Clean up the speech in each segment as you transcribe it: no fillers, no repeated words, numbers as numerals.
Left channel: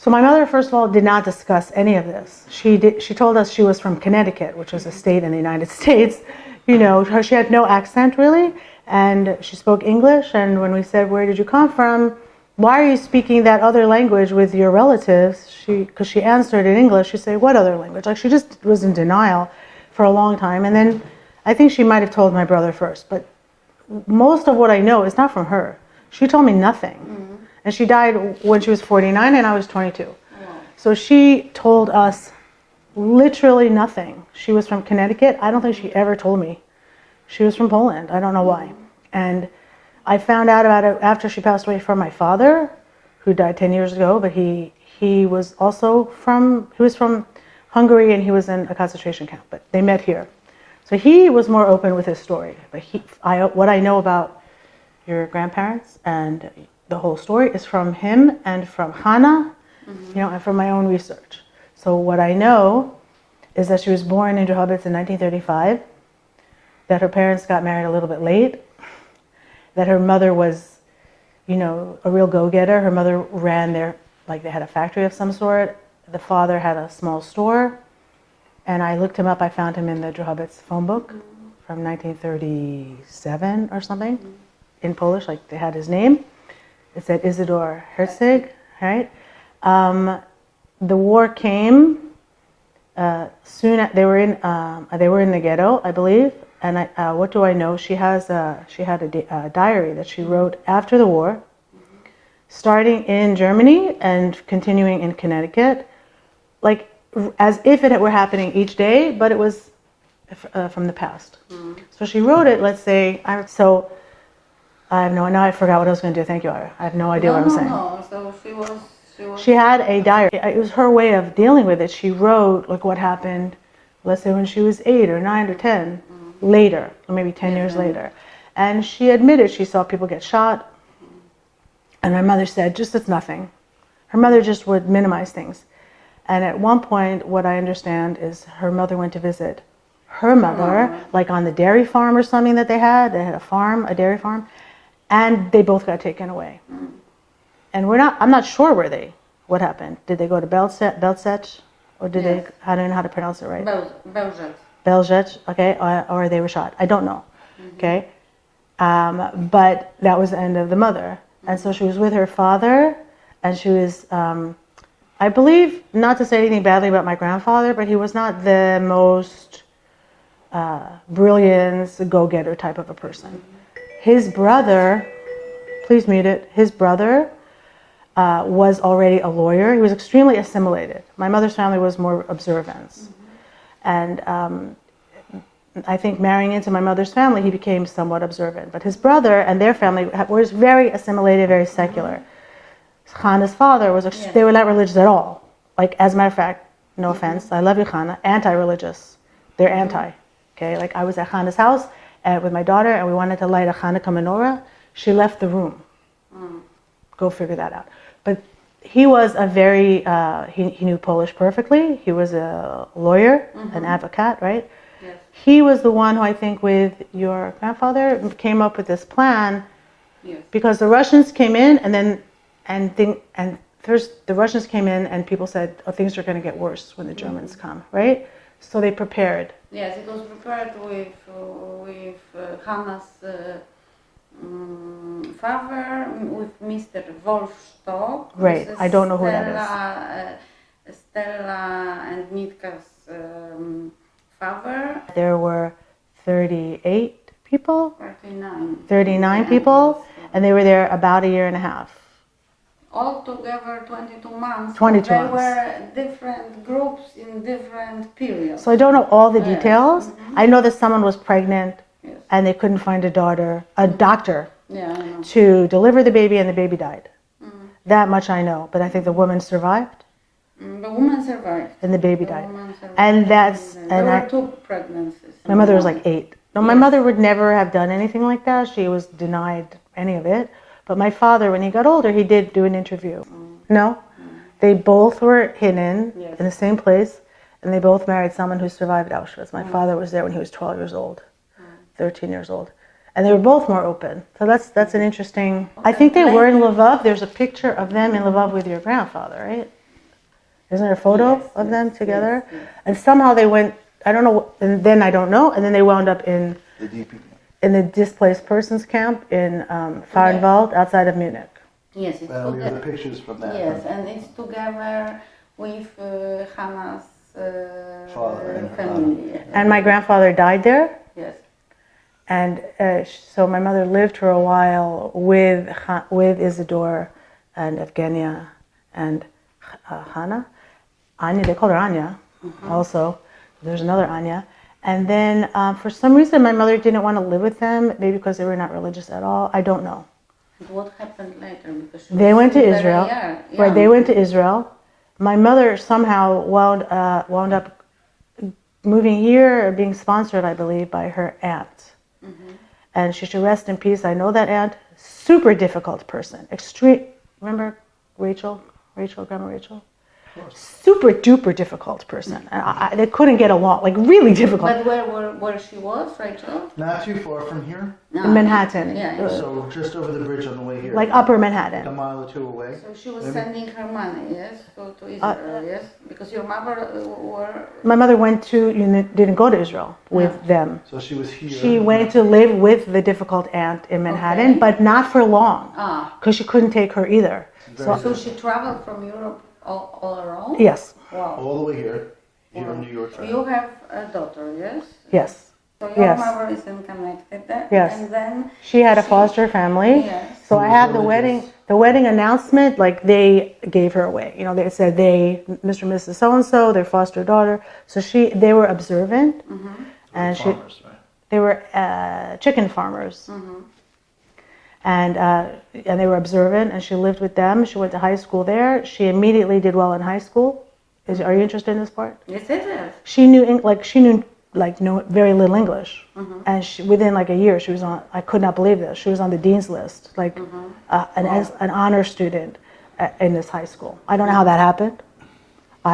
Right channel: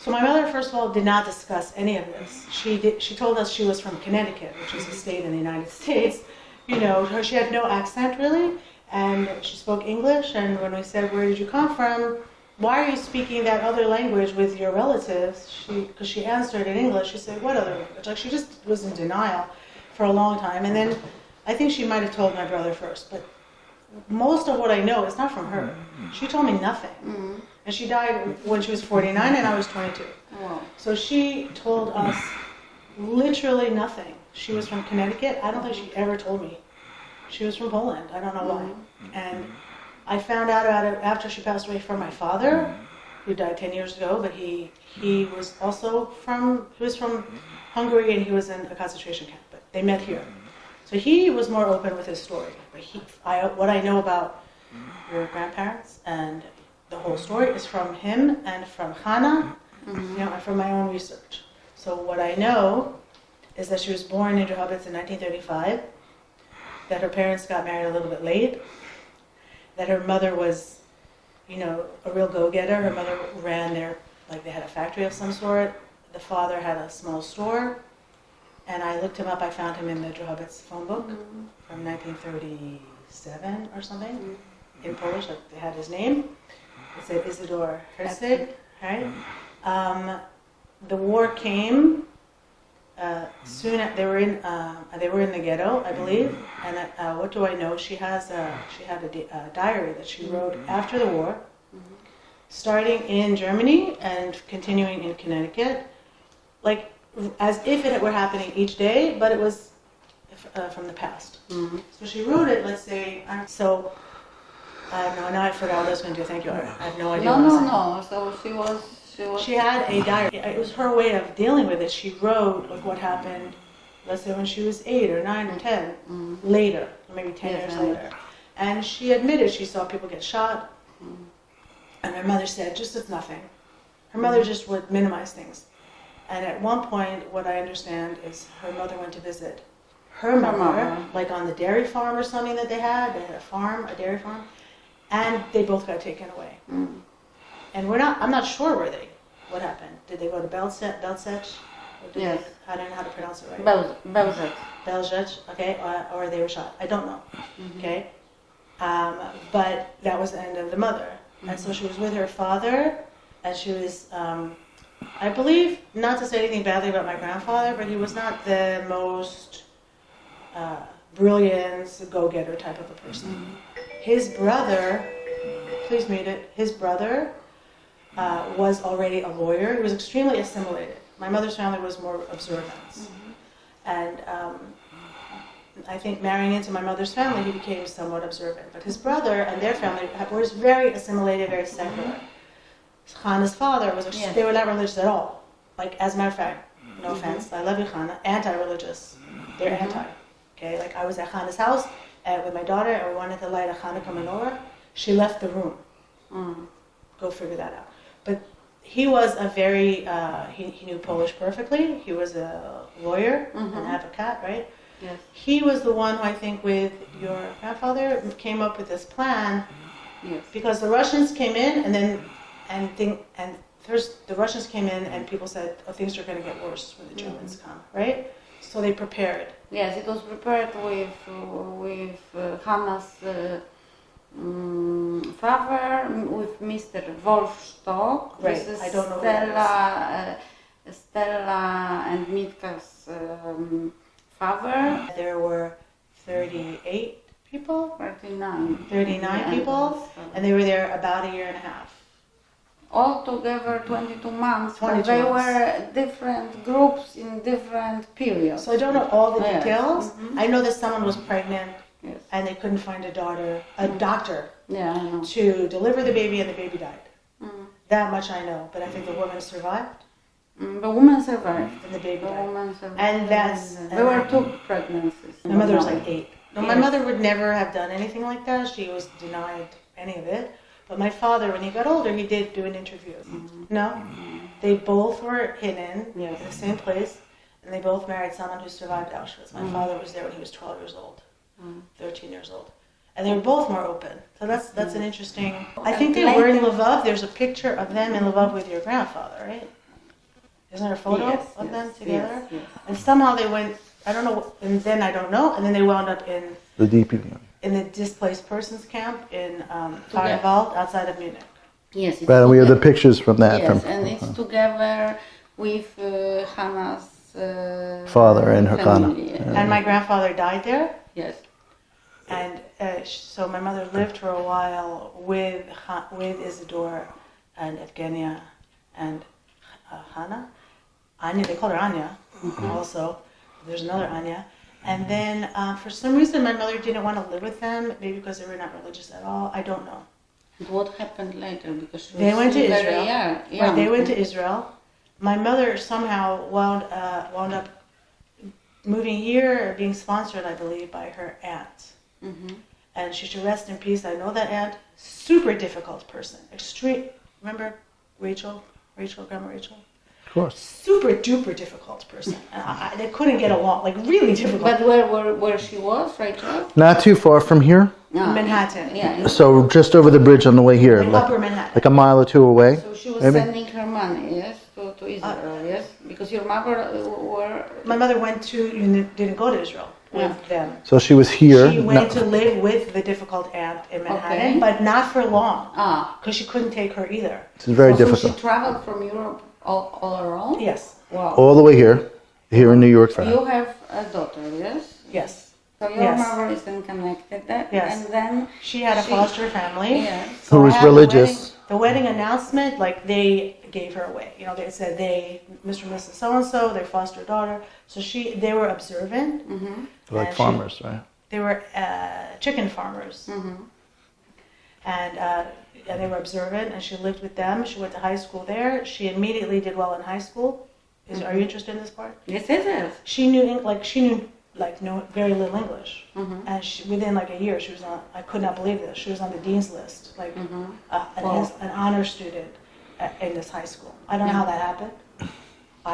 So my mother, first of all, did not discuss any of this. She told us she was from Connecticut, which was a state in the United States. You know, she had no accent really, and she spoke English. And when we said, "Where did you come from? Why are you speaking that other language with your relatives?" Because she answered in English, she said, "What other language?" Like she just was in denial for a long time. And then I think she might have told my brother first, but most of what I know is not from her. She told me nothing. And she died when she was 49 and I was 22. Wow. So she told us literally nothing. She was from Connecticut. I don't think she ever told me. She was from Poland. I don't know why. And I found out about it after she passed away from my father, who died 10 years ago, but he was also from Hungary, and he was in a concentration camp, but they met here. So he was more open with his story. But what I know about your grandparents and the whole story is from him and from Hannah, you know, and from my own research. So what I know is that she was born in Drohobych in 1935, that her parents got married a little bit late, that her mother was, you know, a real go-getter. Her mother ran like they had a factory of some sort. The father had a small store. And I looked him up. I found him in the Drohobych phone book from 1937 or something, in Polish, like they had his name. It said Isidor Herzig, right? The war came soon. They were in the ghetto, I believe. And what do I know? She had a diary that she wrote after the war, starting in Germany and continuing in Connecticut, like as if it were happening each day, but it was from the past. So she wrote it. Let's say I have now I forgot what I was going to do. Thank you, Ira. I have no idea what I was saying. No. So she had a diary. It was her way of dealing with it. She wrote like what happened, let's say when she was 8 or 9 or 10, later, or maybe 10 years later. And she admitted she saw people get shot. And my mother said, just it's nothing. Her mother just would minimize things. And at one point, what I understand is her mother went to visit her mother, like on the dairy farm or something that they had. They had a dairy farm. And they both got taken away. And I'm not sure what happened. Did they go to Belzec? Or did they, I don't know how to pronounce it right. Belzec. Belzec, okay, or they were shot. I don't know, okay. But that was the end of the mother. And so she was with her father, and she was, I believe, not to say anything badly about my grandfather, but he was not the most brilliant, go-getter type of a person. His brother, please meet it, his brother was already a lawyer. He was extremely assimilated. My mother's family was more observant. And I think marrying into my mother's family, he became somewhat observant. But his brother and their family was very assimilated, very secular. Hannah's father they were not religious at all. Like, as a matter of fact, no offense, I love you, Hannah, anti-religious. They're anti, okay? Like, I was at Hannah's house with my daughter, and we wanted to light a Hanukkah menorah. She left the room. Go figure that out. But he was a very, he knew Polish perfectly. He was a lawyer, an advocate, right? Yes. He was the one who, I think, with your grandfather, came up with this plan. Yes. Because the Russians came in, and first the Russians came in, and people said, "Oh, things are going to get worse when the Germans come," right? So they prepared. Yes, it was prepared with Hannah's father, with Mr. Wolfstock. Right, I don't know who that is. Stella and Mitka's father. There were 38 people? 39 people, and they were there about a year and a half. Altogether 22 months. 22 They months. were different groups in different periods. So I don't know all the details. I know that someone was pregnant, Yes. and they couldn't find a doctor Yeah, I know. to deliver the baby, and the baby died. That much I know, but I think the woman survived, The woman survived. and the baby The died. woman survived. And that's... There were 2 pregnancies. My mother was like 8. No, my mother would never have done anything like that. She was denied any of it. But my father, when he got older, he did do an interview. No? They both were hidden in the same place, and they both married someone who survived Auschwitz. My father was there when he was 12 years old, 13 years old. And they were both more open. So that's an interesting... I think they were in Lvov. There's a picture of them in Lvov with your grandfather, right? Isn't there a photo Yes, of them together? yes. And somehow they went, I don't know, and then I don't know, and then they wound up in The DP. the displaced persons camp in Fahrenwald outside of Munich. Yes, it's Right, and we have the together. pictures from that. Yes, from and it's together with Hannah's Father and her family. And my grandfather died there. Yes. And so my mother lived for a while with Isidore and Evgenia and Hannah. Anya, they called her Anya also. There's another Anya. And then for some reason my mother didn't want to live with them, maybe because they were not religious at all. I don't know. What happened later? Because she They was went to very Israel. young. Right, they went to Israel. My mother somehow wound up moving here or being sponsored, I believe, by her aunt. And she should rest in peace. I know that aunt. Super difficult person. Extreme. Remember Rachel, Grandma Rachel? Of course. Super duper difficult person. And they couldn't get along. Like really difficult. But where she was, Rachel? Not too far from here. No. In Manhattan. Yeah. So just over the bridge on the way here. Like Upper Manhattan. Like a mile or two away. So she was maybe? sending her money, yes, to Israel, yes, because your mother were. My mother didn't go to Israel with them. So she was here. She went to live with the difficult aunt in Manhattan, Okay. but not for long, Ah. because she couldn't take her either. It's very So difficult. she traveled from Europe all around. Yes, Wow. All the way here in New York. You have a daughter, yes. yes. So your Yes. mother is then connected, Yes. and then She had a foster family. Yes. So Who I was have religious. the wedding announcement, like they gave her away. You know, they said Mr. and Mrs. So-and-so, their foster daughter. So they were observant. Like and farmers, right? They were chicken farmers. And they were observant, and she lived with them. She went to high school there. She immediately did well in high school. Are you interested in this part? yes, yes. She knew very little English, and within like a year she was on. I could not believe this. She was on the dean's list, like an honor student in this high school. I don't know how that happened. We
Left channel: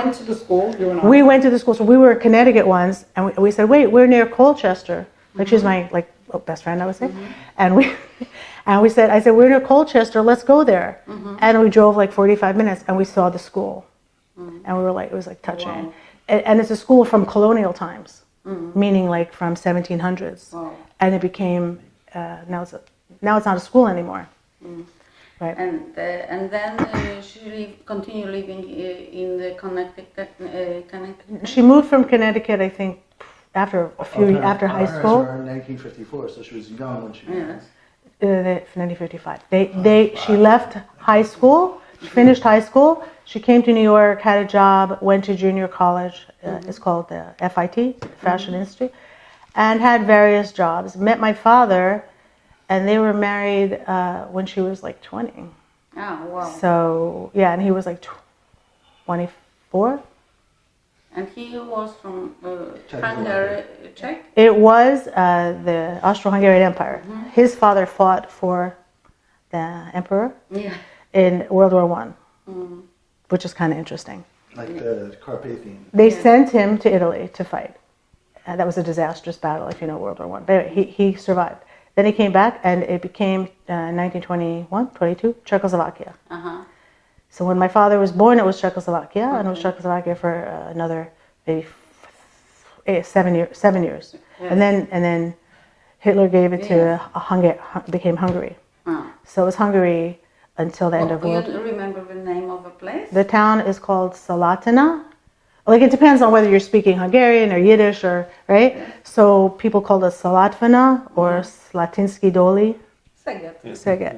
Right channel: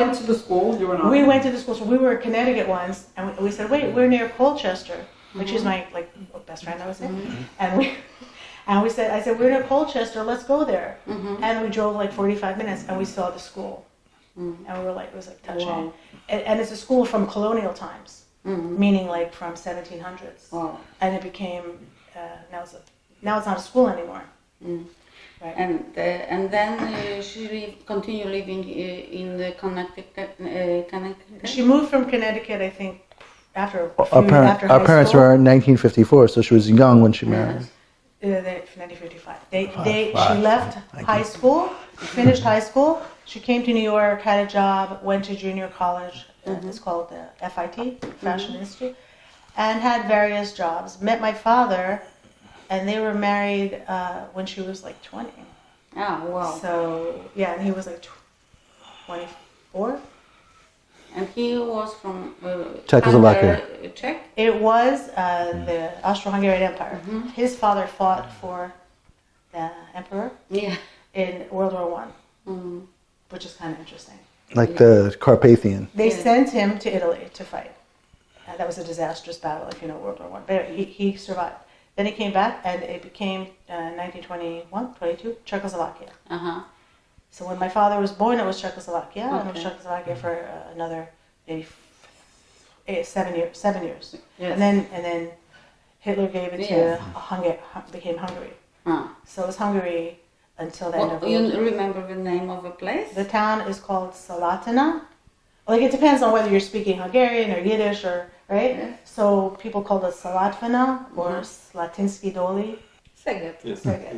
went to the school. You were not. We went to the school, so we were in Connecticut once, and we said, "Wait, we're near Colchester." Like she's my best friend, I would say, and we said, "I said we're near Colchester. Let's go there." And we drove like 45 minutes, and we saw the school, and we were like, it was like touching. Wow. And it's a school from colonial times, meaning like from 1700s, Wow. and it became now it's not a school anymore. Right. And then she continued living in the Connecticut. She moved from Connecticut, I think, after Our high parents school. were in 1954, so she was young when she married. Yes. 1955. She left high school, finished high school. She came to New York, had a job, went to junior college. It's called the FIT, Fashion Institute, and had various jobs. Met my father, and they were married when she was like 20. Ah, wow. So yeah, and he was like 24. And he was from Czechoslovakia. Czech. It was the Austro-Hungarian Empire. His father fought for the emperor Yeah. in World War I, which is kind of interesting. Like the Carpathian. They sent him to Italy to fight. That was a disastrous battle, if you know World War I. But anyway, he survived. Then he came back, and it became 1921, 22, Czechoslovakia. Uh-huh. So when my father was born, it was Czechoslovakia, and it was Czechoslovakia for another maybe 7 years. Yes. And then Hitler gave it to Hungary, became Hungary. Ah. So it was Hungary until the end of World War. You remember the name of the place? The town is called Salatina. Like it depends on whether you're speaking Hungarian or Yiddish or right. So people call it Salatvina or Slatinsky Doli. Szeged. Szeged.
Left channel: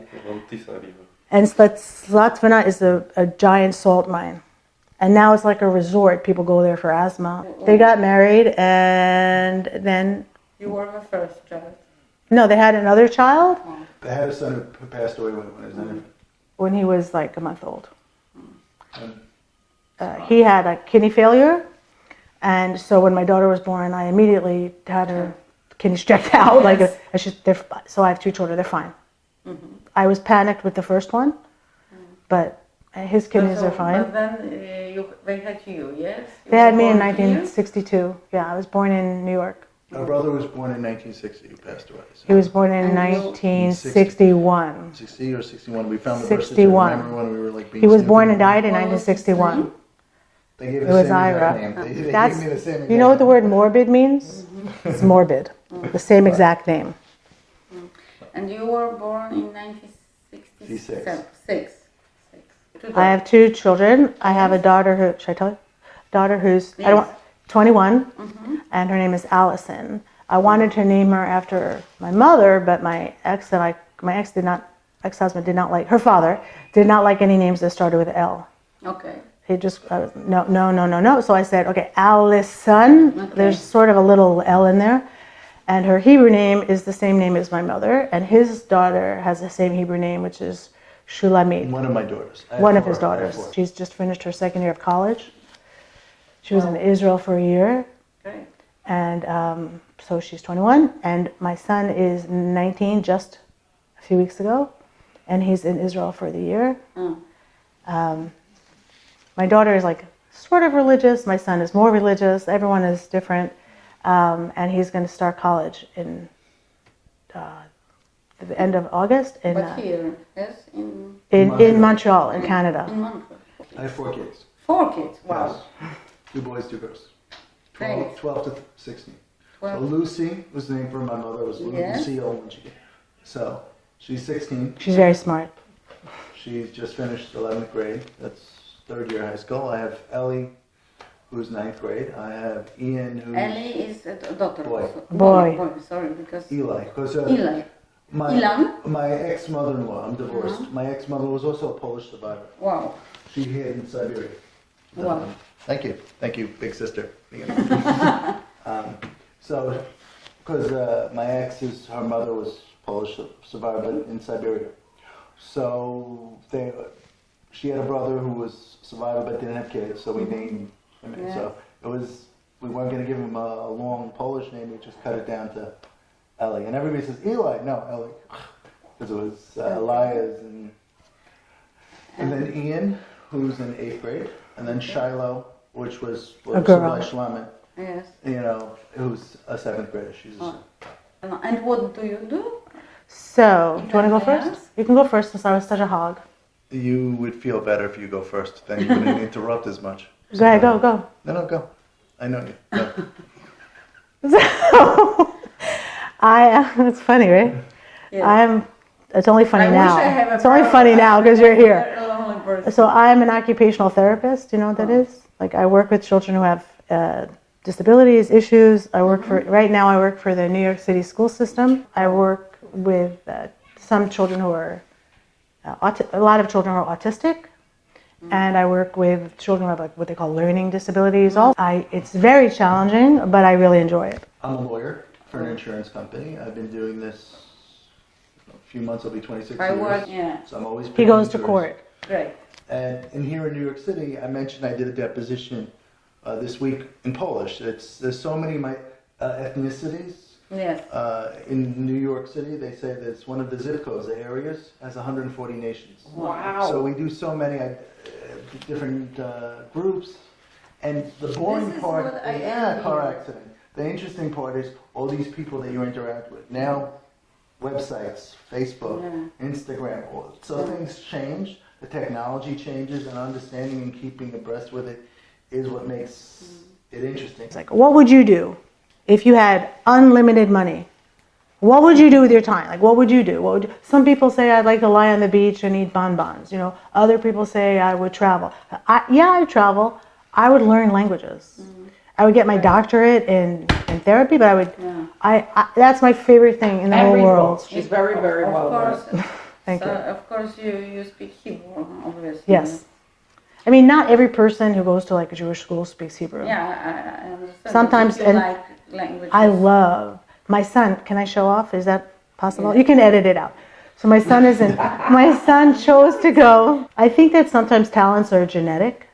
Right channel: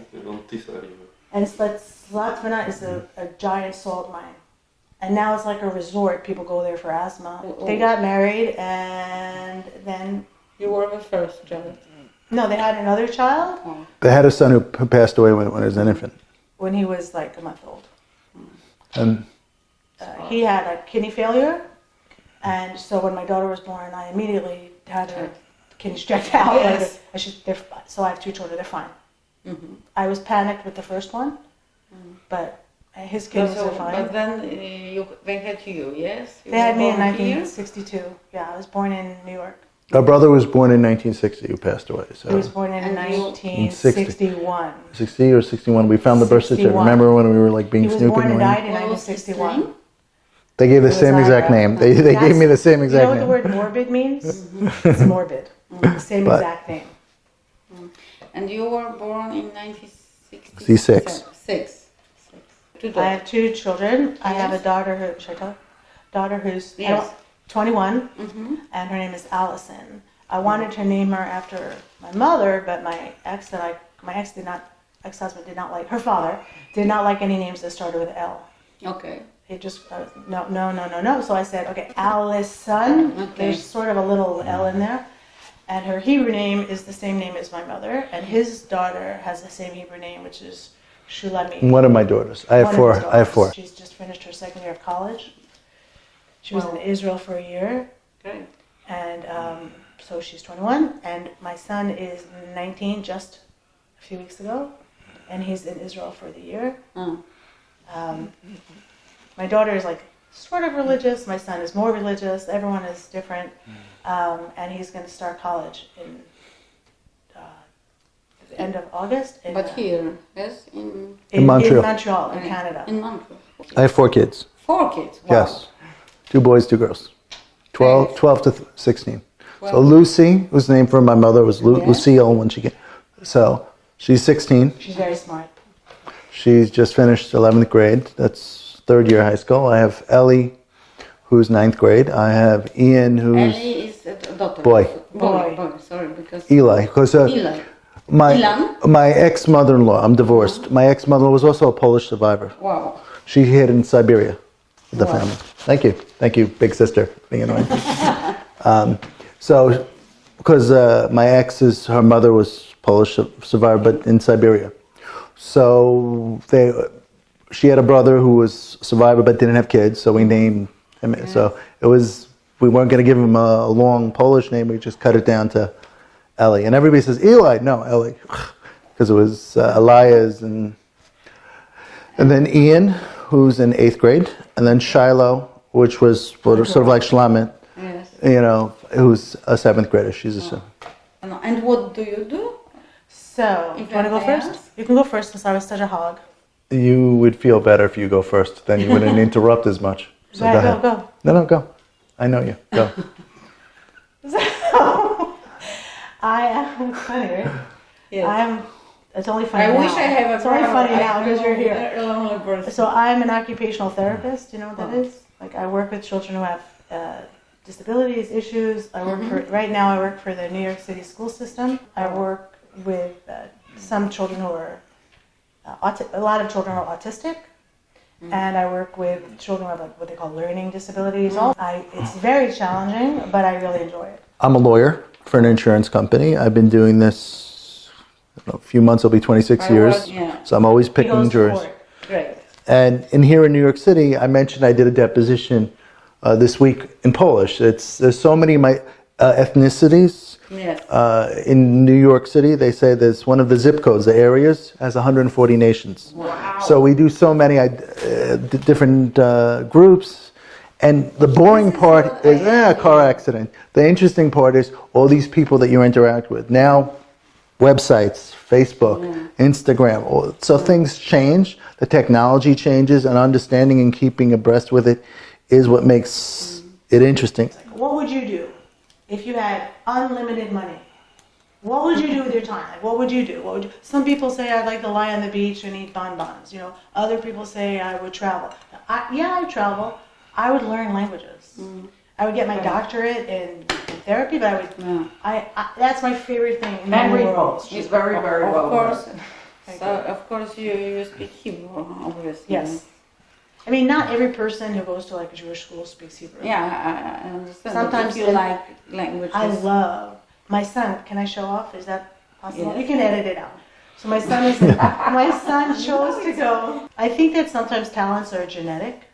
And Slatvina is a giant salt mine. And now it's like a resort. People go there for asthma. They got married and then... You were the first child. No, they had another child They had a son who passed away when he was an infant. when he was like a month old. And He had a kidney failure. And so when my daughter was born, I immediately had her kidneys checked out. Like, so I have 2 children. They're fine. I was panicked with the first one, but his kidneys are fine. But then they had you, yes? They had me in born here? 1962. Yeah, I was born in New York. our brother was born in 1960, who passed away. So He was born in And you- 1961. 60 or 61. We found the birth certificate. 61. Remember when we were like being He was snooping born and around? died in What was his 1961. name? They gave the It was same exact Ira. name. They gave me the same exact name. You know what the word morbid means? It's morbid. The same exact name. And you were born in 1966. Six. I have 2 children. I have a daughter who, should I tell you? Daughter who's Yes. 21, and her name is Allison. I wanted to name her after my mother, but my ex-husband did not like, her father did not like any names that started with L. Okay. He just, no. So I said, okay, Allison. Okay. There's sort of a little L in there. And her Hebrew name is the same name as my mother. And his daughter has the same Hebrew name, which is Shulamit. One of my daughters. I have One of 4. his I have daughters. 4. She's just finished her 2nd year of college. She was in Israel for a year. Great. And so she's 21. And my son is 19 just a few weeks ago. And he's in Israel for the year. My daughter is like sort of religious. My son is more religious. Everyone is different. And he's going to start college in the end of August. But here, yes? In Montreal. Montreal, in Canada. In Montreal. I have 4 kids. 4 kids? Wow. Yes. 2 boys, 2 girls. 12 to 16. So Lucy was named for my mother, was Lucille when she came. So she's 16. She's very smart. She's just finished 11th grade. That's 3rd year high school. I have Ellie, who's 9th grade. I have Ian, who's Ellie is a daughter. Boy. Boy, sorry, because... Eli. Because Eli. my ex-mother-in-law, I'm divorced. My ex-mother was also a Polish survivor. Wow. She hid in Siberia with the family. Thank you, big sister, being annoying. So, because my ex's, her mother was Polish survivor, but in Siberia. So she had a brother who was a survivor but didn't have kids, so we named him. Yeah. So we weren't going to give him a long Polish name, we just cut it down to Ellie. And everybody says, Eli, no, Ellie, because it was Elias, and then Ian, who's in 8th grade, and then Shiloh, which was sort of like Shlamit, Yes. Who's a 7th grader. She's a And what do you do? So, do you want to go first? You can go first since I was such a hog. You would feel better if you go first. Then you wouldn't interrupt as much. So Go ahead, go. No, go. I know you. Go. So, it's funny, right? Yes. It's only funny I now. wish I have a It's only problem. funny now because you're here. A lonely person. So I'm an occupational therapist. Do you know what that is? Like I work with children who have disabilities, issues. I work right now I work for the New York City school system. I work with some children who are, a lot of children are autistic. And I work with children who have what they call learning disabilities. It's very challenging, but I really enjoy it. I'm a lawyer for an insurance company. I've been doing this, a few months, it'll be 26 years. So I'm always picking He goes to juries. court. Great. And here in New York City, I mentioned I did a deposition this week in Polish. There's so many ethnicities. Yes. In New York City, they say there's one of the zip codes, the areas, has 140 nations. Wow. So we do so many different groups. And the boring part is a car accident. The interesting part is all these people that you interact with. Now, websites, Facebook, Instagram. So things change. The technology changes, and understanding and keeping abreast with it is what makes it interesting. It's like, what would you do if you had unlimited money? What would you do with your time? Like, what would you do? Some people say I'd like to lie on the beach and eat bonbons. Other people say I would travel. I'd travel. I would learn languages. I would get my doctorate in therapy, but I would. That's my favorite thing in the whole world. She's very, very Of well. course. Thank you. Of course, you speak Hebrew, obviously. Yes. I mean, not every person who goes to like a Jewish school speaks Hebrew. Yeah, I understand. Sometimes If you like languages. I love my son. Can I show off? Is that possible? You can edit it out. So my son my son chose to go. I think that sometimes talents are genetic.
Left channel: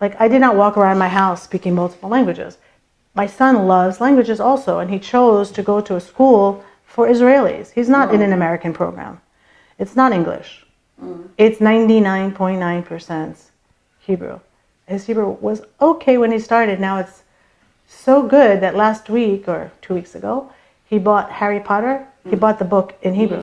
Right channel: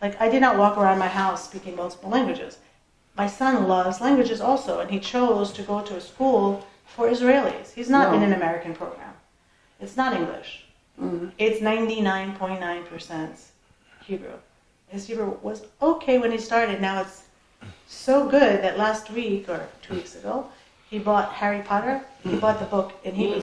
Like I did not walk around my house speaking multiple languages. My son loves languages also, and he chose to go to a school for Israelis. He's not in an American program. It's not English. It's 99.9% Hebrew. His Hebrew was okay when he started. Now it's so good that last week or 2 weeks ago, he bought Harry Potter. He bought the book in Hebrew.